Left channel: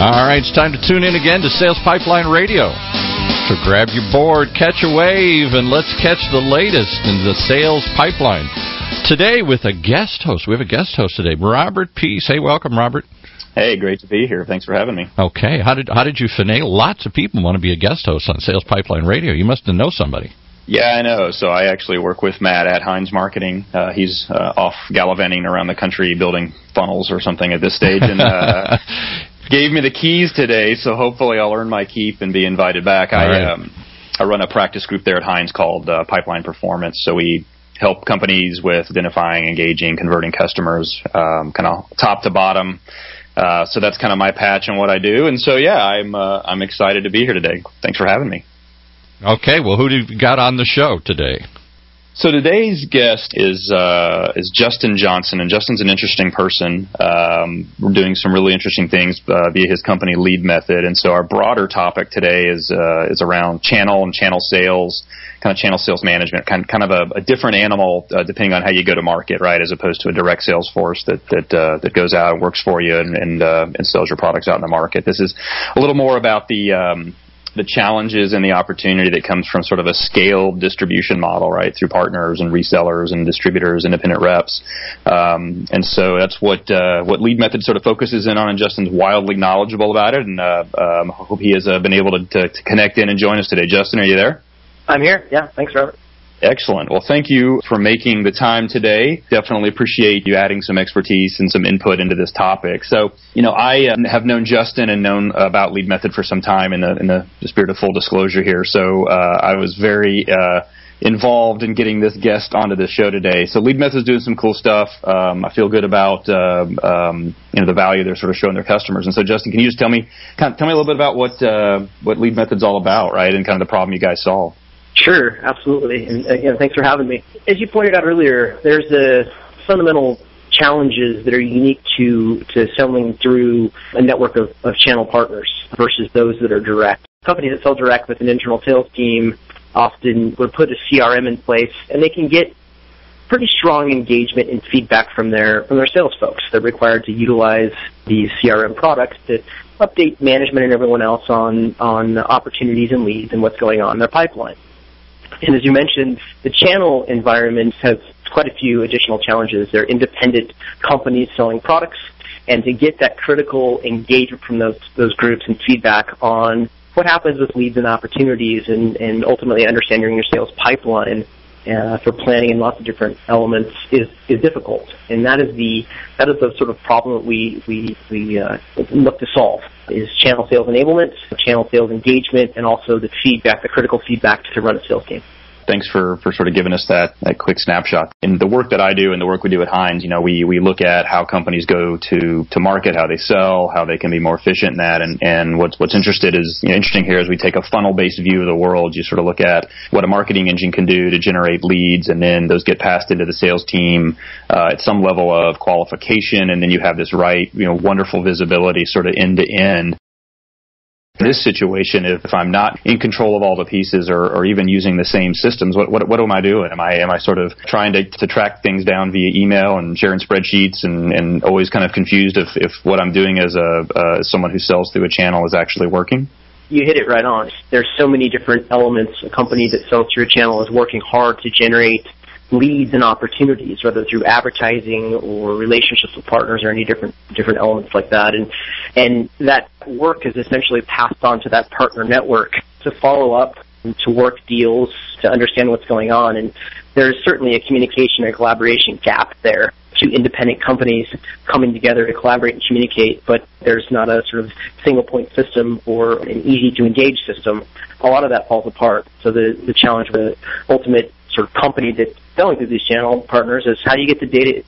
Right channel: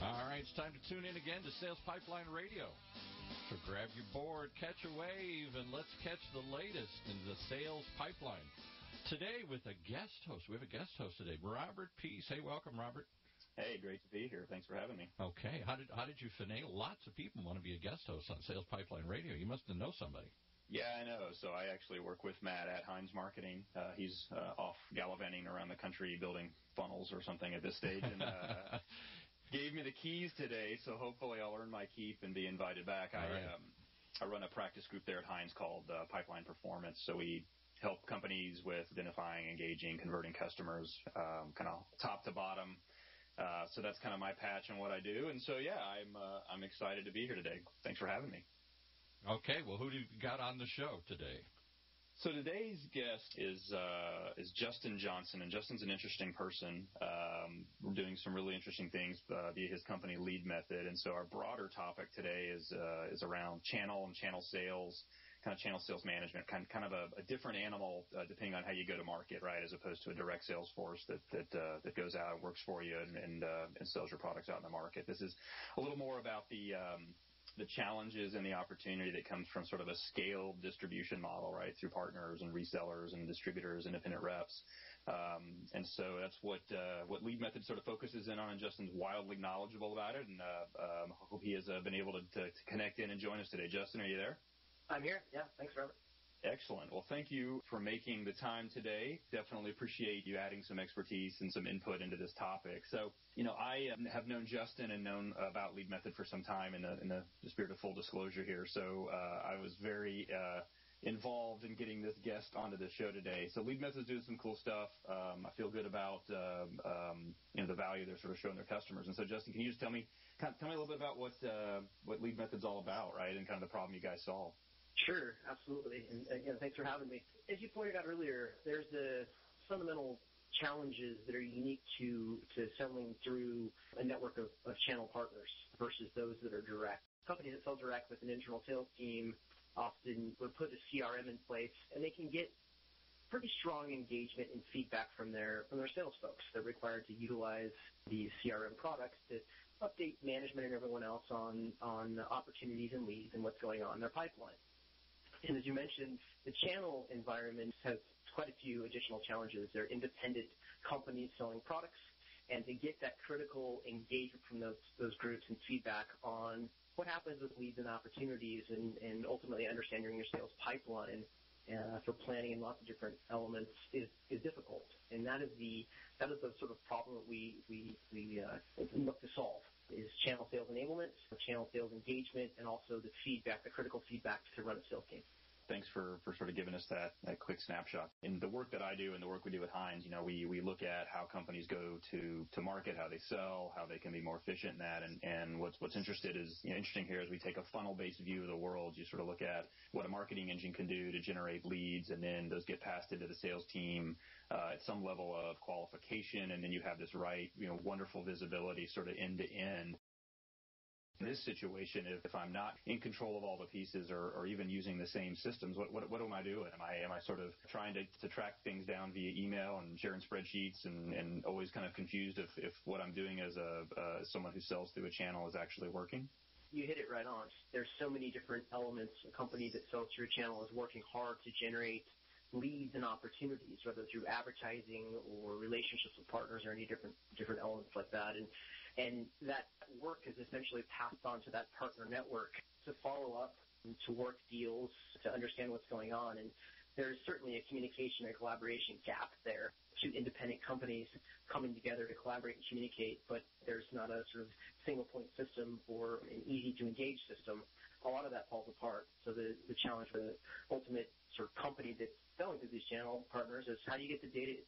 All right, it's time to tune in again to Sales Pipeline Radio. So grab your board, catch a wave, and let's catch the latest in the sales pipeline. Today with a guest host. We have a guest host today, Robert Pease. Hey, welcome, Robert. Hey, great to be here. Thanks for having me. Okay. How did you finagle? Lots of people want to be a guest host on Sales Pipeline Radio. You must know somebody. Yeah, I know. So I actually work with Matt at Heinz Marketing. He's off gallivanting around the country building funnels or something at this stage, and gave me the keys today, so hopefully I'll earn my keep and be invited back. I run a practice group there at Heinz called Pipeline Performance, so we help companies with identifying, engaging, converting customers, kind of top to bottom. So that's kind of my patch and what I do. And so, yeah, I'm excited to be here today. Thanks for having me. Okay, well, who do you got on the show today? So today's guest is Justin Johnson, and Justin's an interesting person. We're doing some really interesting things via his company LeadMethod, and so our broader topic today is around channel and channel sales, kind of channel sales management, kind of a different animal depending on how you go to market, right? As opposed to a direct sales force that goes out and works for you and sells your products out in the market. This is a little more about the challenges and the opportunity that comes from sort of a scaled distribution model, right, through partners and resellers and distributors, independent reps. And so that's what LeadMethod sort of focuses in on, and Justin's wildly knowledgeable about it, and I hope he has been able to connect in and join us today. Justin, are you there? I'm here. Yeah, thanks, Robert. Excellent. Well, thank you for making the time today. Definitely appreciate you adding some expertise and some input into this topic. So, I have known Justin and known about LeadMethod for some time in the spirit of full disclosure here. So I was very involved in getting this guest onto the show today. So LeadMethod is doing some cool stuff. I feel good about the value they're sort of showing their customers. And so, Justin, can you just tell me a little bit about what LeadMethod's all about, right, and kind of the problem you guys solve? Sure, absolutely. And again, thanks for having me. As you pointed out earlier, there's fundamental challenges that are unique to selling through a network of channel partners versus those that are direct. Companies that sell direct with an internal sales team often would put a CRM in place, and they can get pretty strong engagement and feedback from their sales folks. They're required to utilize these CRM products to update management and everyone else on opportunities and leads and what's going on in their pipeline. And as you mentioned, the channel environment has quite a few additional challenges. They're independent companies selling products, and to get that critical engagement from those groups and feedback on what happens with leads and opportunities and ultimately understanding your sales pipeline for planning and lots of different elements is difficult. And that is the sort of problem that we look to solve, is channel sales enablement, channel sales engagement, and also the critical feedback to run a sales game. Thanks for sort of giving us that quick snapshot. In the work that I do and the work we do at Heinz, we look at how companies go to market, how they sell, how they can be more efficient in that. And what's interesting here is we take a funnel-based view of the world. You sort of look at what a marketing engine can do to generate leads, and then those get passed into the sales team at some level of qualification, and then you have this wonderful visibility sort of end to end. In this situation, if I'm not in control of all the pieces or even using the same systems, what am I doing? Am I sort of trying to track things down via email and sharing spreadsheets and always kind of confused if what I'm doing as someone who sells through a channel is actually working? You hit it right on. There's so many different elements. A company that sells through a channel is working hard to generate leads and opportunities, whether through advertising or relationships with partners or any different elements like that. And that work is essentially passed on to that partner network to follow up, to work deals, to understand what's going on. And there's certainly a communication and collaboration gap there. Two independent companies coming together to collaborate and communicate, but there's not a sort of single point system or an easy to engage system. A lot of that falls apart. So the challenge for the ultimate sort of company that's selling through these channel partners is how do you get the data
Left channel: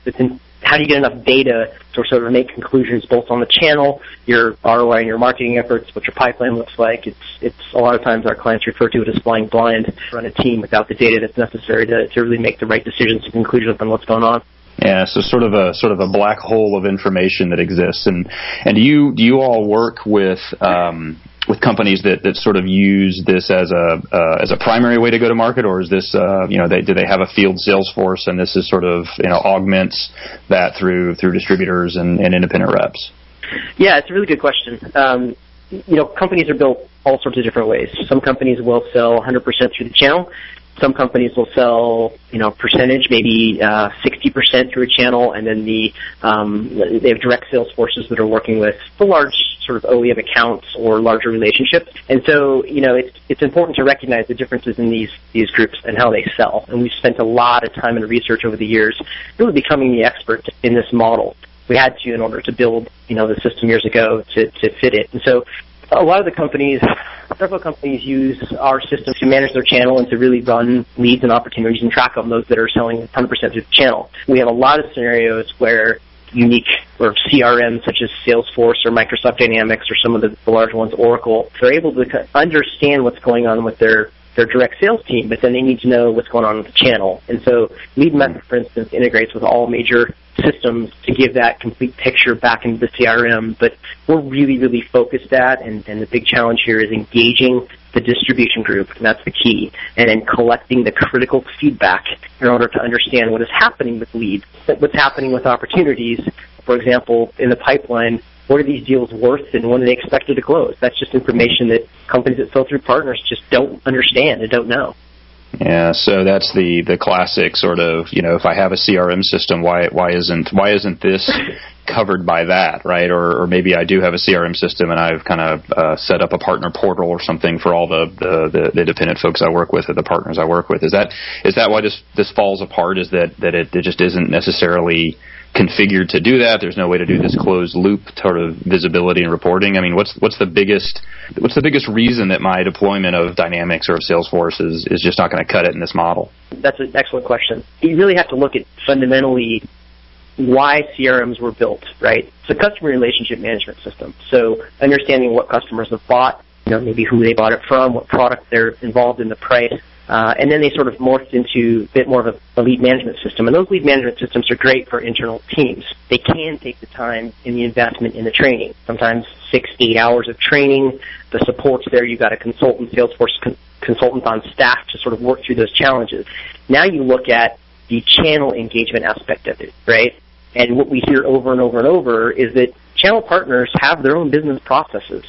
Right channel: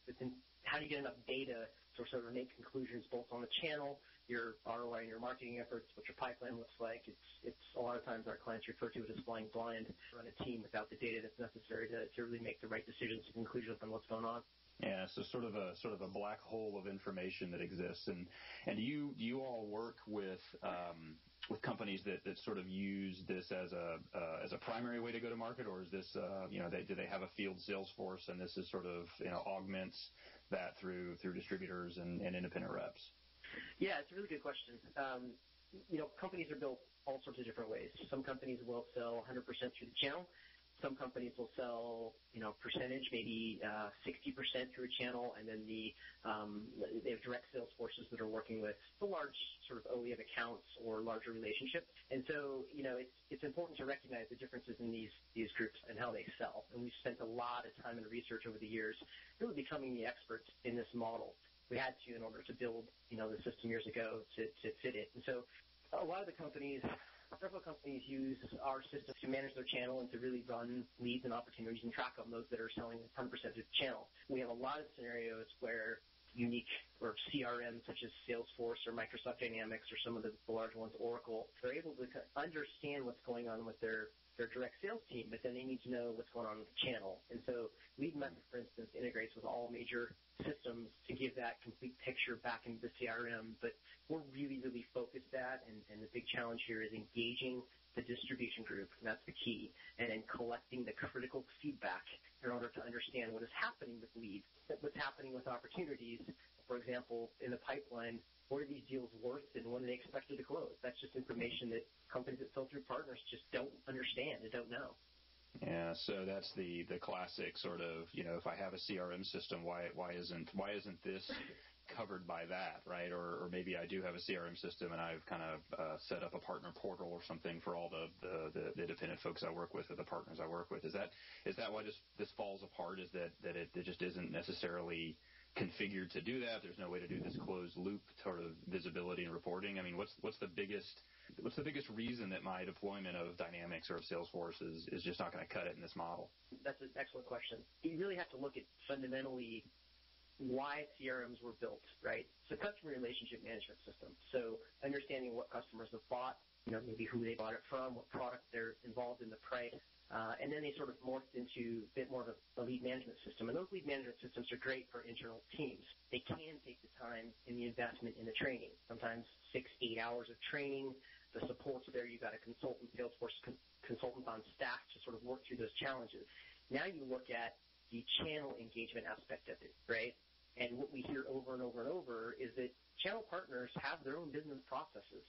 how do you get enough data to sort of make conclusions both on the channel, your ROI and your marketing efforts, what your pipeline looks like. It's a lot of times our clients refer to it as flying blind, run a team without the data that's necessary to really make the right decisions and conclusions on what's going on. Yeah, so sort of a black hole of information that exists. And do you all work with companies that sort of use this as a primary way to go to market, or is this do they have a field sales force and this is sort of augments that through distributors and independent reps? Yeah, it's a really good question. Companies are built all sorts of different ways. Some companies will sell 100% through the channel. Some companies will sell, percentage, maybe 60% through a channel, and then they have direct sales forces that are working with the large sort of OEM accounts or larger relationships. And so, it's important to recognize the differences in these groups and how they sell. And we've spent a lot of time and research over the years really becoming the expert in this model. We had to in order to build, the system years ago to fit it. And so a lot of the companies, several companies use our system to manage their channel and to really run leads and opportunities and track of those that are selling 100% through the channel. We have a lot of scenarios where unique or CRMs such as Salesforce or Microsoft Dynamics or some of the large ones, Oracle, they're able to understand what's going on with their direct sales team, but then they need to know what's going on with the channel. And so LeadMethod, for instance, integrates with all major systems to give that complete picture back into the CRM. But we're really, really focused at, and the big challenge here is engaging the distribution group, and that's the key, and then collecting the critical feedback in order to understand what is happening with leads, what's happening with opportunities. For example, in the pipeline, what are these deals worth and when are they expected to close? That's just information that companies that sell through partners just don't understand and don't know. Yeah, so that's the classic sort of, if I have a CRM system, why isn't this covered by that, right? Or maybe I do have a CRM system and I've kind of set up a partner portal or something for all the independent folks I work with or the partners I work with. Is that why this falls apart? Is that it just isn't necessarily configured to do that? There's no way to do this closed loop sort of visibility and reporting. I mean, what's the biggest reason that my deployment of Dynamics or of Salesforce is just not going to cut it in this model? That's an excellent question. You really have to look at fundamentally why CRMs were built, right? It's a customer relationship management system. So understanding what customers have bought, maybe who they bought it from, what product they're involved in, the price. And then they sort of morphed into a bit more of a lead management system. And those lead management systems are great for internal teams. They can take the time in the investment in the training, sometimes 6-8 hours of training. The support's there. You've got a consultant, Salesforce consultant on staff to sort of work through those challenges. Now you look at the channel engagement aspect of it, right? And what we hear over and over and over is that channel partners have their own business processes,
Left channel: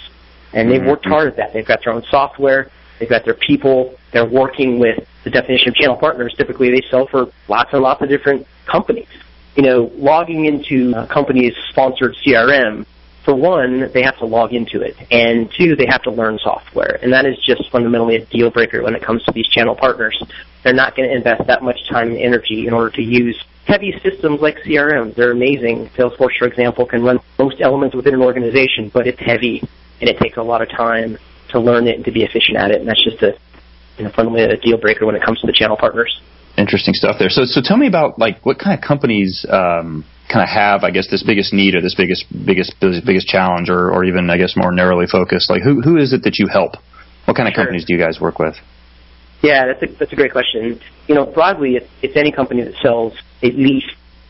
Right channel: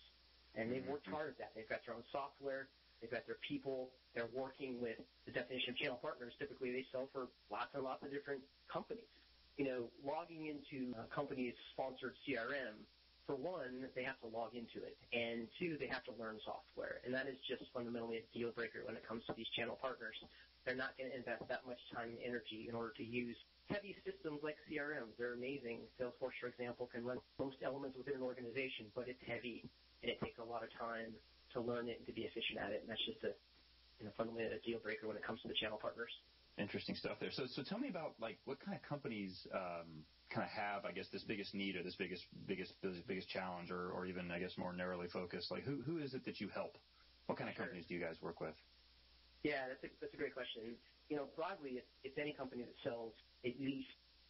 and they've worked hard at that. They've got their own software. They've got their people. They're working with the definition of channel partners. Typically, they sell for lots and lots of different companies. Logging into a company's sponsored CRM, for one, they have to log into it, and two, they have to learn software. And that is just fundamentally a deal breaker when it comes to these channel partners. They're not going to invest that much time and energy in order to use heavy systems like CRM. They're amazing. Salesforce, for example, can run most elements within an organization, but it's heavy, and it takes a lot of time to learn it and to be efficient at it. And that's just fundamentally a deal breaker when it comes to the channel partners. Interesting stuff there. So tell me about what kind of companies kind of have, I guess, this biggest need or this biggest challenge, or even, I guess, more narrowly focused. Like who is it that you help? What kind of companies do you guys work with? Yeah, that's a great question. Broadly, it's any company that sells at least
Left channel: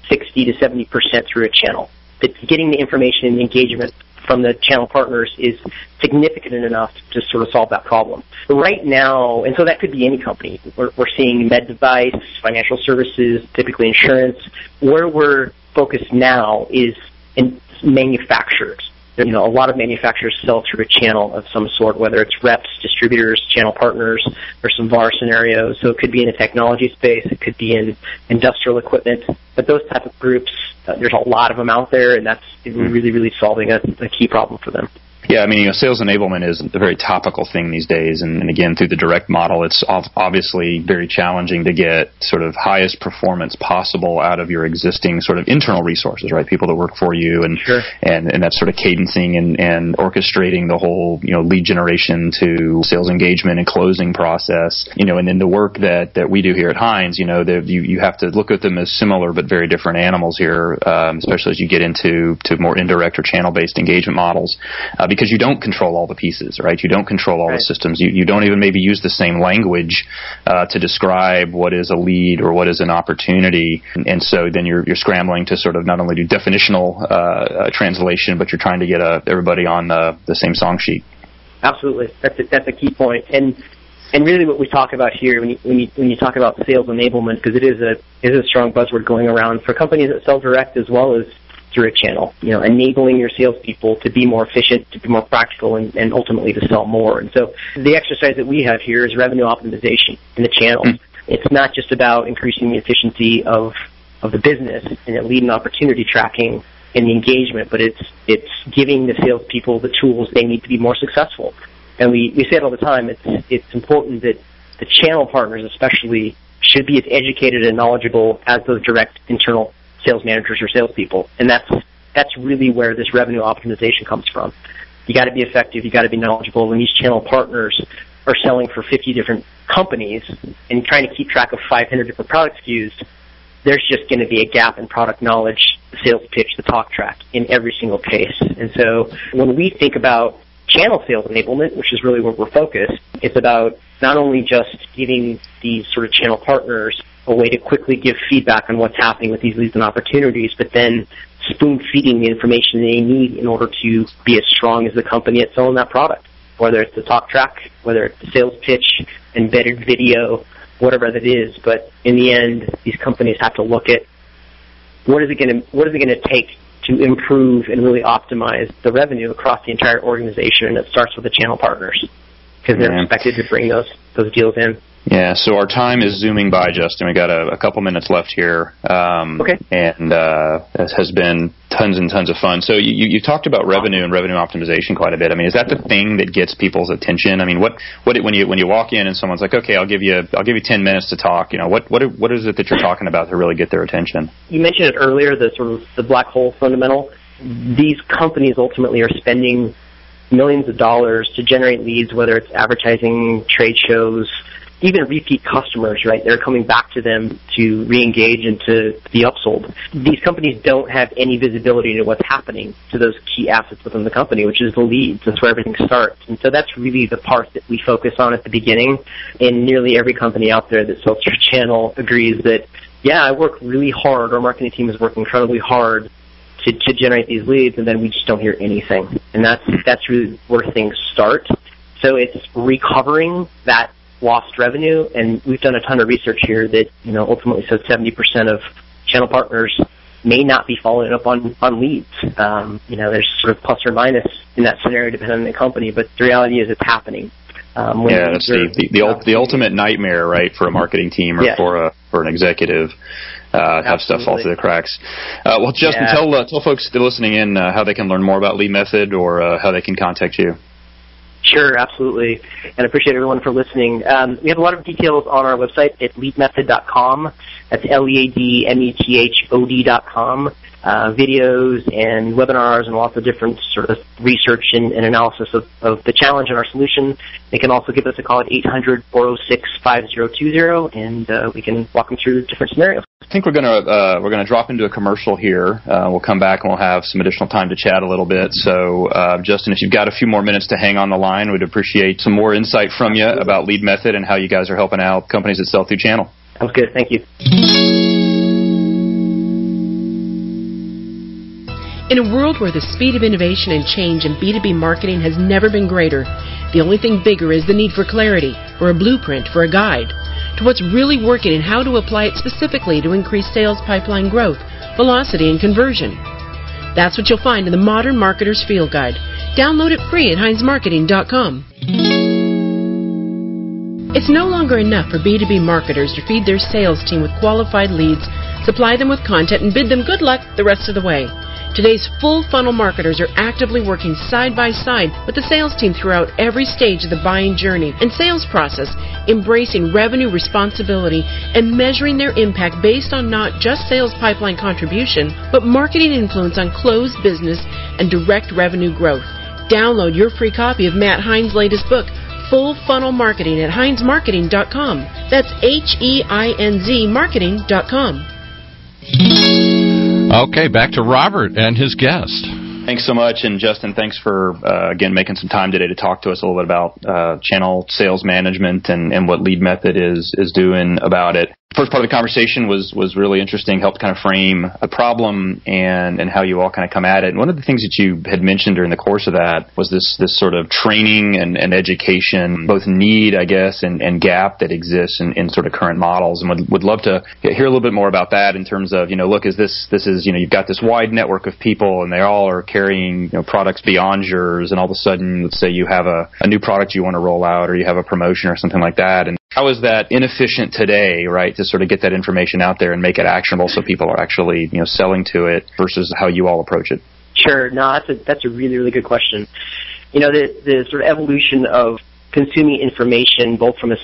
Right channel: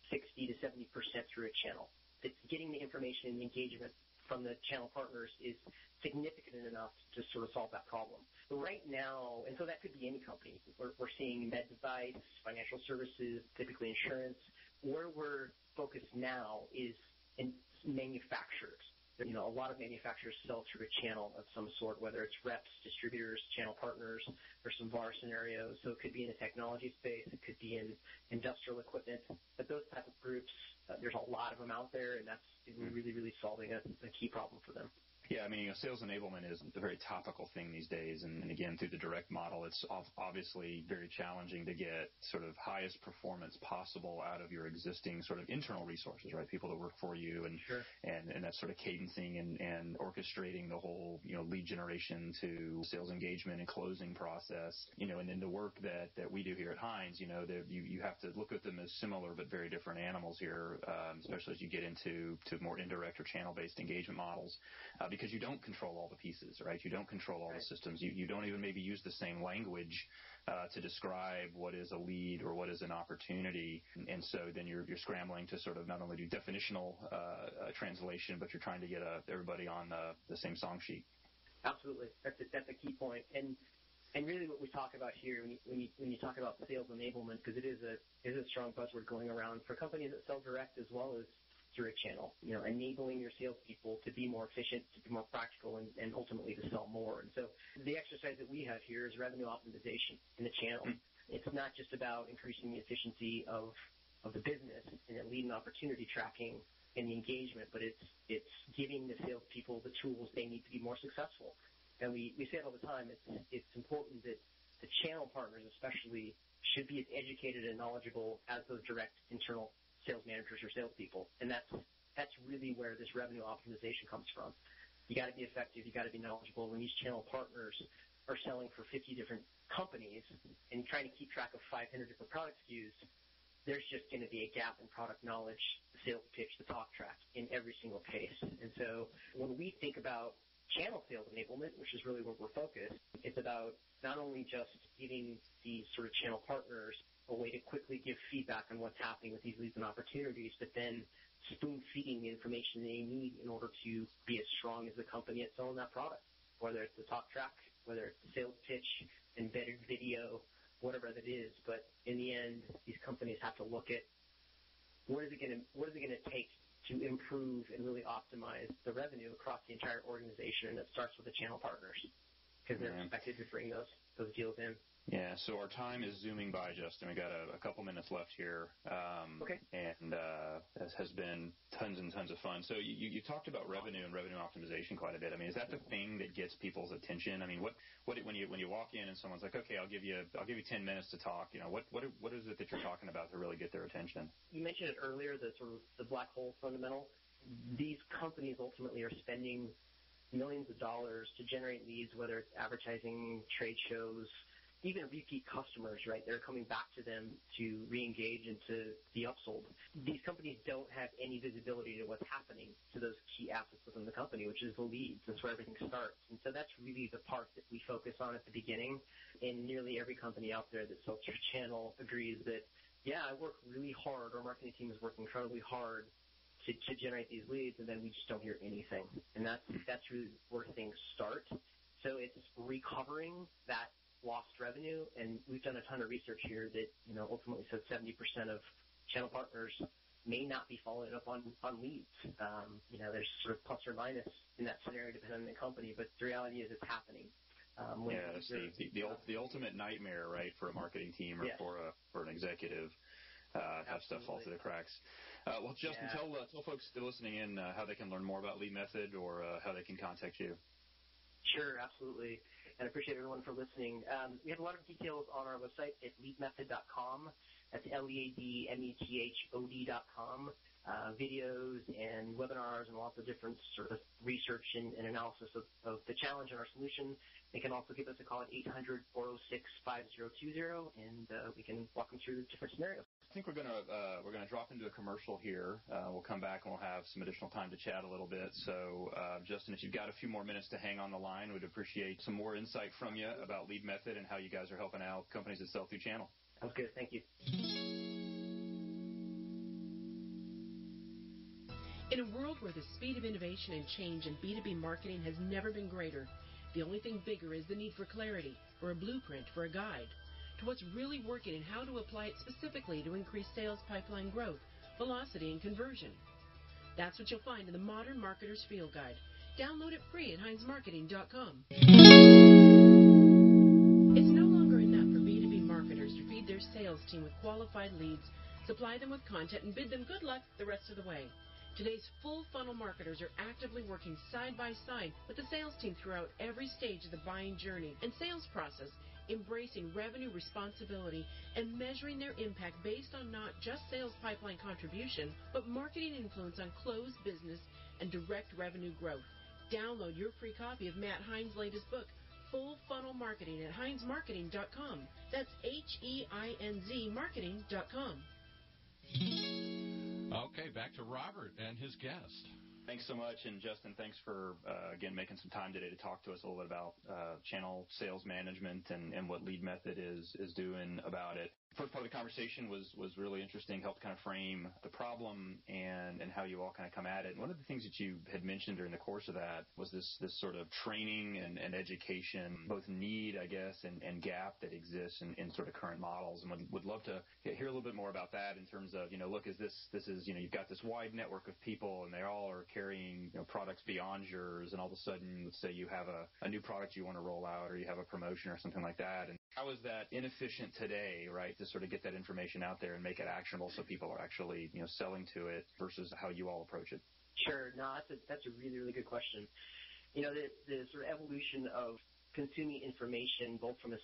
60 to 70% through a channel. That getting the information and the engagement from the channel partners is significant enough to sort of solve that problem. Right now, and so that could be any company. We're seeing med device, financial services, typically insurance. Where we're focused now is in manufacturers. A lot of manufacturers sell through a channel of some sort, whether it's reps, distributors, channel partners, or some VAR scenarios. So it could be in the technology space. It could be in industrial equipment. But those type of groups, there's a lot of them out there, and that's really, really solving a key problem for them. Yeah, I mean, sales enablement is a very topical thing these days. And again, through the direct model, it's obviously very challenging to get sort of highest performance possible out of your existing sort of internal resources, right? People that work for you, and sure. and that's sort of cadencing and orchestrating the whole, lead generation to sales engagement and closing process, and then the work that we do here at Heinz, you have to look at them as similar but very different animals here, especially as you get into more indirect or channel-based engagement models. Because you don't control all the pieces, right? You don't control all the systems. You don't even maybe use the same language to describe what is a lead or what is an opportunity. And so then you're scrambling to sort of not only do definitional translation, but you're trying to get everybody on the same song sheet. Absolutely. That's a key point. And really what we talk about here when you talk about sales enablement, because it is a strong buzzword going around for companies that sell direct as well as through a channel, enabling your salespeople to be more efficient, to be more practical, and ultimately to sell more. And so the exercise that we have here is revenue optimization in the channel. It's not just about increasing the efficiency of the business and the lead and opportunity tracking and the engagement, but it's giving the salespeople the tools they need to be more successful. And we say it all the time. It's important that the channel partners especially should be as educated and knowledgeable as those direct internal sales managers or salespeople. And that's really where this revenue optimization comes from. You got to be effective. You got to be knowledgeable. When these channel partners are selling for 50 different companies and trying to keep track of 500 different product SKUs, there's just going to be a gap in product knowledge, the sales pitch, the talk track in every single case. And so when we think about channel sales enablement, which is really where we're focused, it's about not only just giving these sort of channel partners a way to quickly give feedback on what's happening with these leads and opportunities, but then spoon-feeding the information they need in order to be as strong as the company at selling that product, whether it's the talk track, whether it's the sales pitch, embedded video, whatever that is. But in the end, these companies have to look at what is it going to take to improve and really optimize the revenue across the entire organization, and it starts with the channel partners because they're expected to bring those deals in. Yeah, so our time is zooming by, Justin. We got a couple minutes left here. Okay. And it has been tons and tons of fun. So you talked about revenue and revenue optimization quite a bit. I mean, is that the thing that gets people's attention? I mean, what when you walk in and someone's like, okay, I'll give you 10 minutes to talk. What is it that you're talking about to really get their attention? You mentioned it earlier, the black hole fundamental. These companies ultimately are spending millions of dollars to generate leads, whether it's advertising, trade shows, even repeat customers, right? They're coming back to them to re-engage and to be upsold. These companies don't have any visibility to what's happening to those key assets within the company, which is the leads. That's where everything starts. And so that's really the part that we focus on at the beginning. And nearly every company out there that sells through channel agrees that, yeah, I work really hard. Our marketing team is working incredibly hard to generate these leads, and then we just don't hear anything. And that's really where things start. So it's recovering that lost revenue, and we've done a ton of research here that ultimately says 70% of channel partners may not be following up on leads. There's sort of plus or minus in that scenario depending on the company, but the reality is it's happening. That's the ultimate nightmare, right, for a marketing team or for an executive. Have stuff fall through the cracks. Well, Justin, tell folks that are listening in how they can learn more about LeadMethod or how they can contact you. Sure, absolutely. And I appreciate everyone for listening. We have a lot of details on our website at leadmethod.com. That's LeadMethod.com. Videos and webinars and lots of different sort of research and analysis of the challenge and our solution. They can also give us a call at 800-406-5020, and we can walk them through different scenarios. I think we're gonna drop into a commercial here. We'll come back and we'll have some additional time to chat a little bit. So, Justin, if you've got a few more minutes to hang on the line, we'd appreciate some more insight from you about LeadMethod and how you guys are helping out companies that sell through channel. Sounds good. Thank you. In a world where the speed of innovation and change in B2B marketing has never been greater, the only thing bigger is the need for clarity, for a blueprint, for a guide to what's really working and how to apply it specifically to increase sales pipeline growth, velocity, and conversion. That's what you'll find in the Modern Marketer's Field Guide. Download it free at HeinzMarketing.com. It's no longer enough for B2B marketers to feed their sales team with qualified leads, supply them with content, and bid them good luck the rest of the way. Today's full funnel marketers are actively working side by side with the sales team throughout every stage of the buying journey and sales process, embracing revenue responsibility and measuring their impact based on not just sales pipeline contribution, but marketing influence on closed business and direct revenue growth. Download your free copy of Matt Heinz' latest book, Full Funnel Marketing, at HeinzMarketing.com. That's HEINZ Marketing.com. Okay, back to Robert and his guest. Thanks so much, and Justin, thanks for, again, making some time today to talk to us a little bit about channel sales management and what LeadMethod is doing about it. First part of the conversation was really interesting, helped kind of frame a problem and how you all kind of come at it. And one of the things that you had mentioned during the course of that was this sort of training and education, both need, I guess, and gap that exists in sort of current models. And would love to hear a little bit more about that in terms of, look, this is, you've got this wide network of people and they all are carrying, products beyond yours. And all of a sudden, let's say you have a new product you want to roll out or you have a promotion or something like that. And how is that inefficient today, right, to sort of get that information out there and make it actionable so people are actually, selling to it versus how you all approach it? Sure. No, that's a really, really good question. The sort of evolution of consuming information, both from a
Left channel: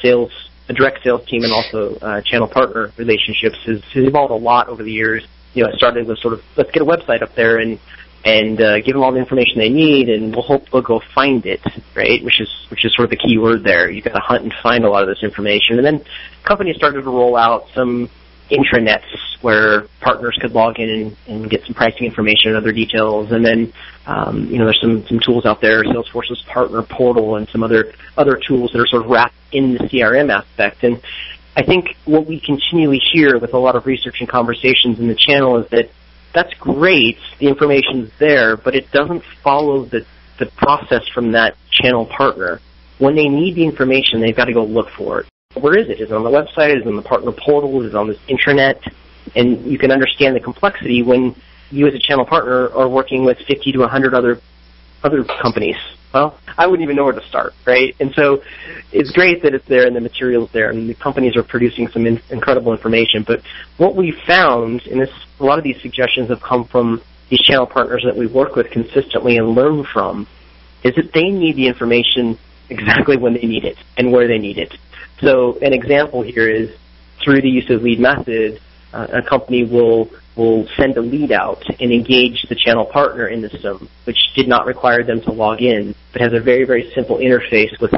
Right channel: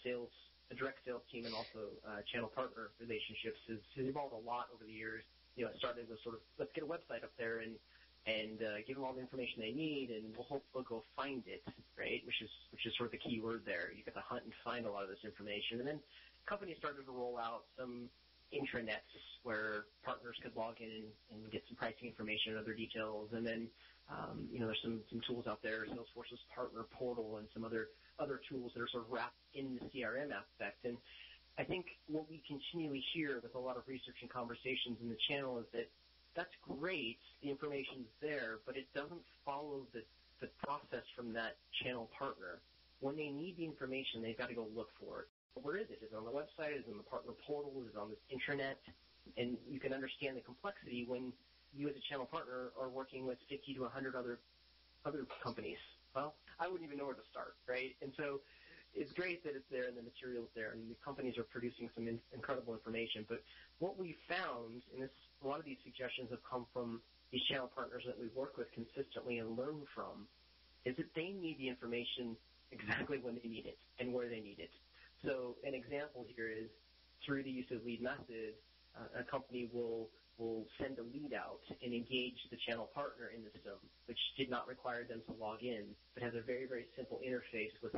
direct sales team and also channel partner relationships has evolved a lot over the years. It started with sort of, let's get a website up there and give them all the information they need, and we'll hope they'll go find it, right? Which is sort of the key word there. You've got to hunt and find a lot of this information. And then companies started to roll out some intranets where partners could log in and get some pricing information and other details. And then, there's some tools out there, Salesforce's partner portal and some other tools that are sort of wrapped in the CRM aspect. And I think what we continually hear with a lot of research and conversations in the channel is that that's great, the information's there, but it doesn't follow the process from that channel partner. When they need the information, they've got to go look for it. Where is it? Is it on the website? Is it on the partner portal? Is it on this intranet? And you can understand the complexity when you as a channel partner are working with 50 to 100 other companies. Well, I wouldn't even know where to start, right? And so it's great that it's there and the material's there, and the companies are producing some incredible information. But what we've found, and a lot of these suggestions have come from these channel partners that we work with consistently and learn from, is that they need the information exactly when they need it and where they need it. So an example here is through the use of LeadMethod, a company will send a lead out and engage the channel partner in the system, which did not require them to log in, but has a very, very simple interface with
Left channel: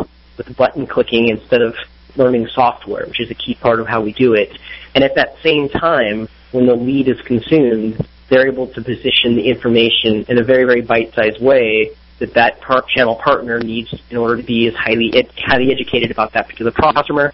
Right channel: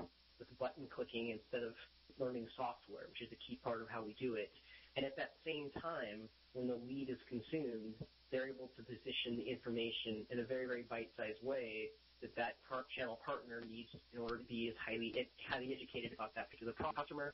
button clicking instead of learning software, which is a key part of how we do it. And at that same time, when the lead is consumed, they're able to position the information in a very, very bite-sized way that channel partner needs in order to be as highly educated about that particular customer.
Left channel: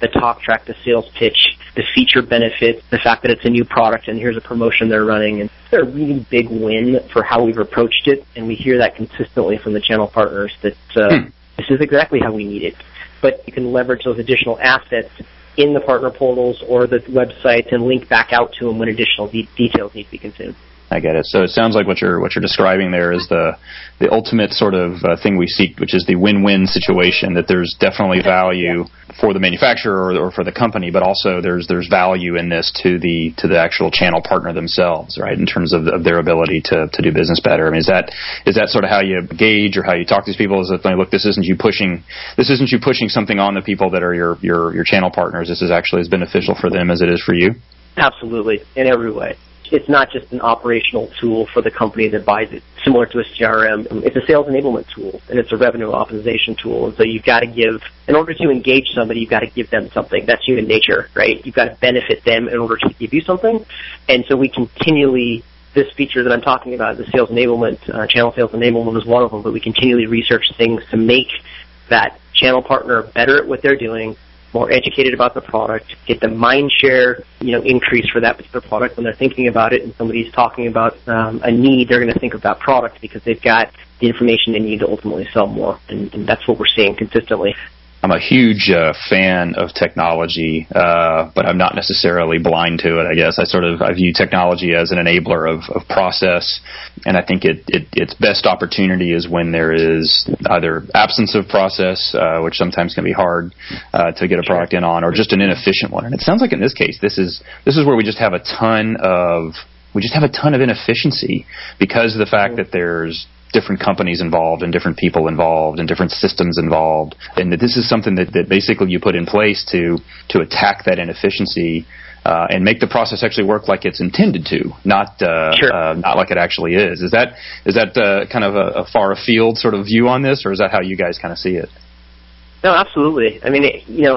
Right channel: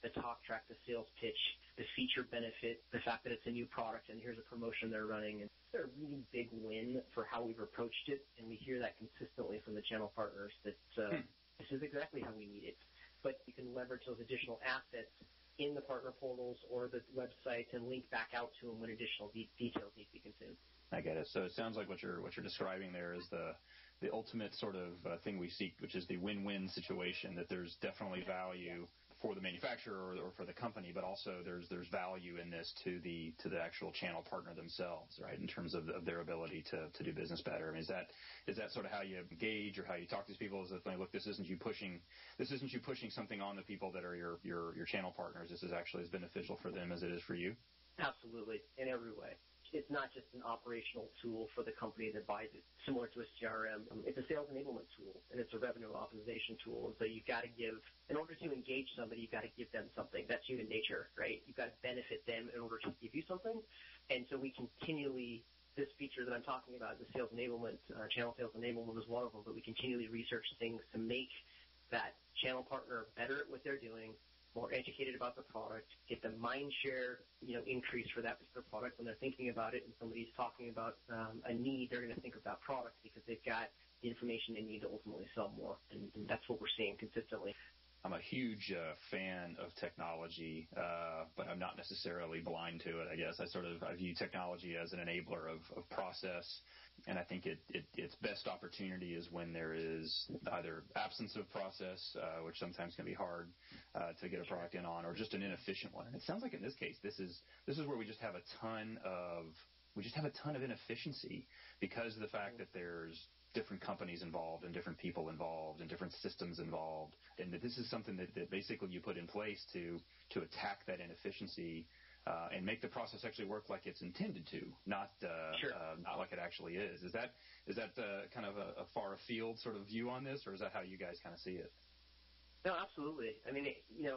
The talk track, the sales pitch, the feature benefits, the fact that it's a new product and here's a promotion they're running. And it's a really big win for how we've approached it, and we hear that consistently from the channel partners that this is exactly how we need it. But you can leverage those additional assets in the partner portals or the websites and link back out to them when additional details need to be consumed. I get it. So it sounds like what you're describing there is the ultimate sort of thing we seek, which is the win-win situation, that there's definitely value for the manufacturer or for the company, but also there's value in this to the actual channel partner themselves, right, in terms of their ability to do business better. I mean, is that sort of how you gauge or how you talk to these people? Is it like, look, this isn't you pushing something on the people that are your channel partners. This is actually as beneficial for them as it is for you? Absolutely, in every way. It's not just an operational tool for the company that buys it, similar to a CRM. It's a sales enablement tool, and it's a revenue optimization tool. And so you've got to in order to engage somebody, you've got to give them something. That's human nature, right? You've got to benefit them in order to give you something. And so we continually, this feature that I'm talking about, the sales enablement, channel sales enablement is one of them, but we continually research things to make that channel partner better at what they're doing, more educated about the product, get the mind share, increase for that particular product. When they're thinking about it and somebody's talking about a need, they're going to think of that product because they've got the information they need to ultimately sell more. And that's what we're seeing consistently. I'm a huge fan of technology, but I'm not necessarily blind to it, I guess. I view technology as an enabler of process, and I think its best opportunity is when there is either absence of process, which sometimes can be hard to get a product in on, or just an inefficient one. And it sounds like in this case, this is where we just have a ton of inefficiency because of the fact that there's different companies involved and different people involved and different systems involved, and that this is something that basically you put in place to attack that inefficiency and make the process actually work like it's intended to, not like it actually is. Is that kind of a far afield sort of view on this, or is that how you guys kind of see it? No, absolutely. I mean,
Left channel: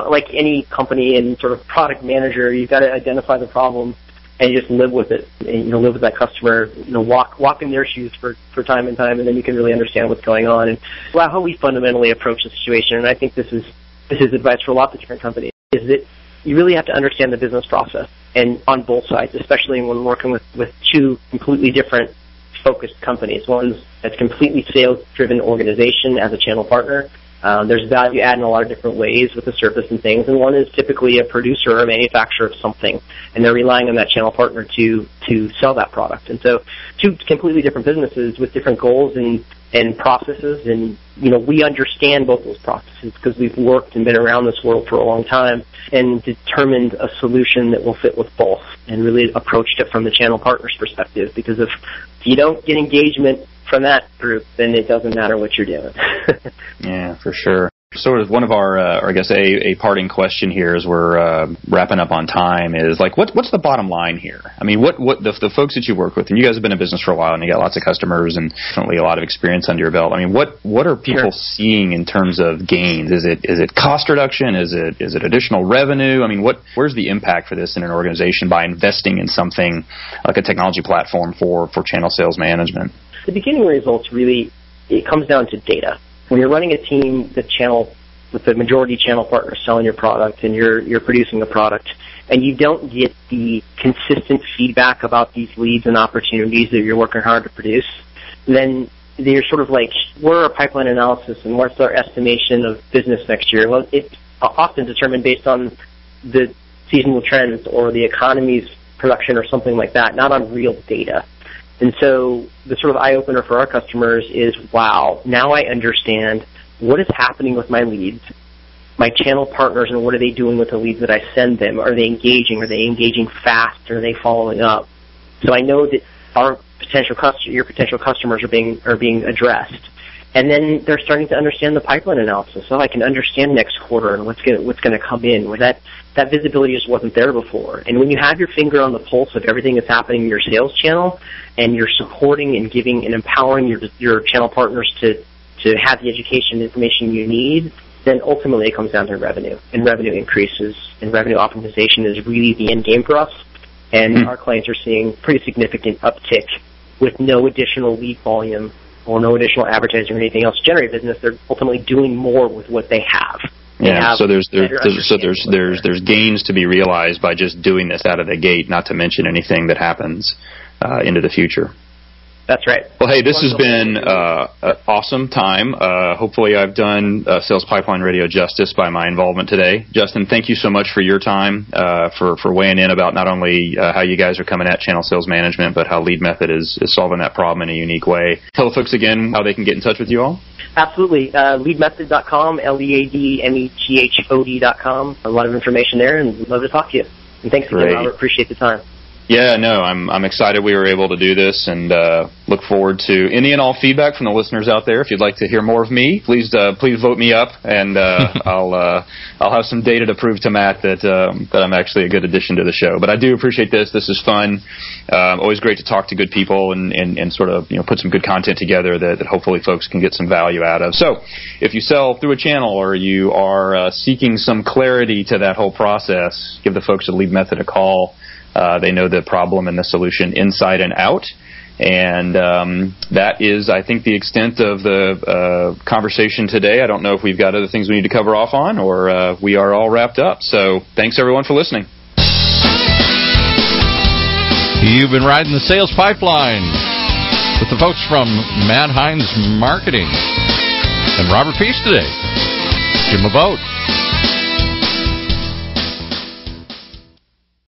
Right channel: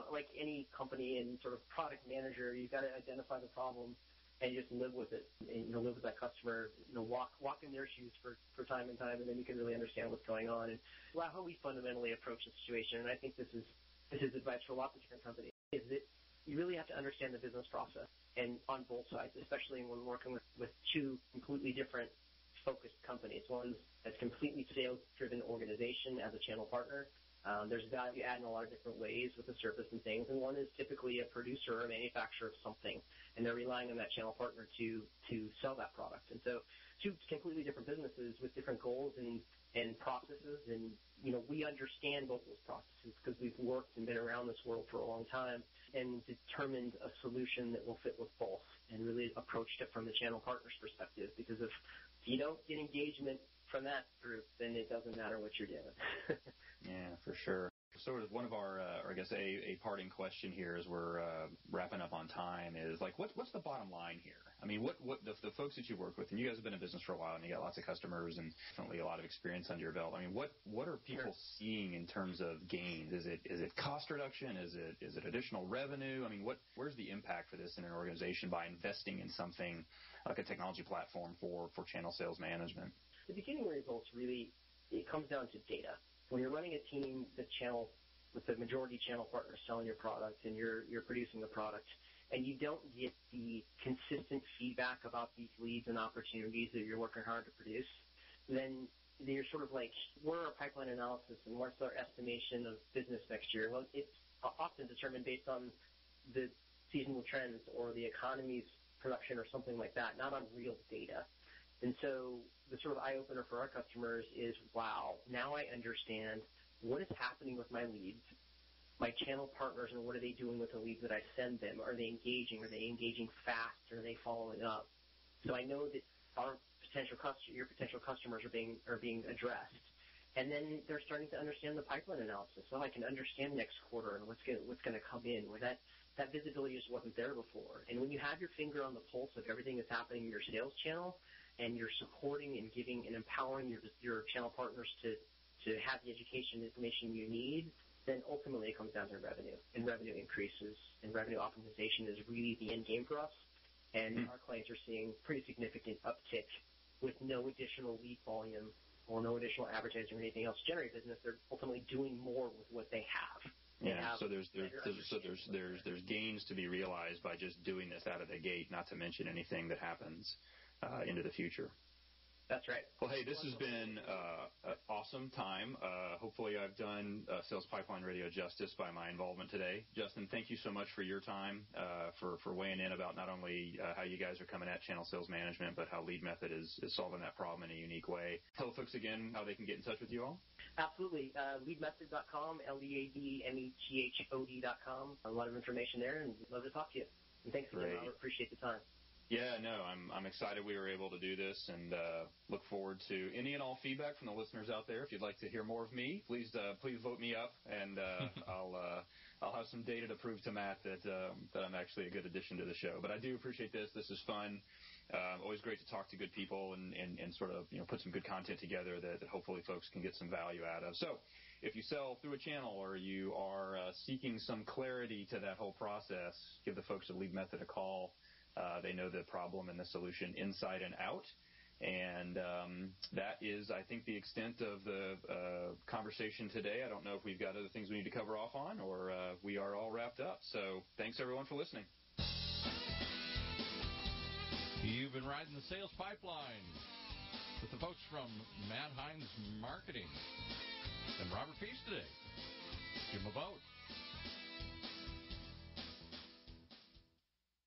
like any company and sort of product manager, you've got to identify the problem and you just live with it, and live with that customer, walk in their shoes for time and time, and then you can really understand what's going on. And how we fundamentally approach the situation, and I think this is advice for lots of different companies, is that you really have to understand the business process, and on both sides, especially when working with two completely different focused companies. One's a completely sales-driven organization as a channel partner. There's value add in a lot of different ways with the service and things, and one is typically a producer or a manufacturer of something, and they're relying on that channel partner to sell that product. And so two completely different businesses with different goals and processes, and we understand both those processes because we've worked and been around this world for a long time and determined a solution that will fit with both and really approached it from the channel partner's perspective, because if you don't get engagement from that group, then it doesn't matter what you're doing. Yeah, for sure. Sort of one of our, or I guess a parting question here as we're wrapping up on time is like, what's the bottom line here? I mean, what the folks that you work with, and you guys have been in business for a while, and you got lots of customers and definitely a lot of experience under your belt. I mean, what are people seeing in terms of gains? Is it cost reduction? Is it additional revenue? I mean, where's the impact for this in an organization by investing in something like a technology platform for channel sales management? The beginning results really, it comes down to data. When you're running a team with the majority channel partner selling your product and you're producing a product, and you don't get the consistent feedback about these leads and opportunities that you're working hard to produce, then you're sort of like, what are our pipeline analysis and what's our estimation of business next year? Well, it's often determined based on the seasonal trends or the economy's production or something like that, not on real data. And so the sort of eye-opener for our customers is, wow, now I understand what is happening with my leads, my channel partners, and what are they doing with the leads that I send them? Are they engaging? Are they engaging fast? Are they following up? So I know that your potential customers are being addressed. And then they're starting to understand the pipeline analysis. So I can understand next quarter and what's going to come in. Where that visibility just wasn't there before. And when you have your finger on the pulse of everything that's happening in your sales channel, and you're supporting and giving and empowering your channel partners to have the education and information you need, then ultimately it comes down to revenue. And revenue increases, and revenue optimization is really the end game for us. And our clients are seeing pretty significant uptick with no additional lead volume or no additional advertising or anything else to generate business. They're ultimately doing more with what they have. So there's gains to be realized by just doing this out of the gate, not to mention anything that happens into the future. That's right. Well, hey, this has been an awesome time. Hopefully I've done Sales Pipeline Radio justice by my involvement today. Justin, thank you so much for your time, for weighing in about not only how you guys are coming at channel sales management, but how LeadMethod is solving that problem in a unique way. Tell the folks again how they can get in touch with you all. Absolutely. LeadMethod.com, LeadMethod.com. A lot of information there, and we'd love to talk to you. And thanks again, Robert. Appreciate the time. Yeah, no, I'm excited we were able to do this, and look forward to any and all feedback from the listeners out there. If you'd like to hear more of me, please vote me up, and I'll have some data to prove to Matt that I'm actually a good addition to the show. But I do appreciate this. This is fun. Always great to talk to good people and sort of put some good content together that hopefully folks can get some value out of. So if you sell through a channel or you are seeking some clarity to that whole process, give the folks at LeadMethod a call. They know the problem and the solution inside and out. And that is, I think, the extent of the conversation today. I don't know if we've got other things we need to cover off on, or we are all wrapped up. So thanks, everyone, for listening. You've been riding the sales pipeline with the folks from Matt Hines Marketing and Robert Pease today. Give them a vote.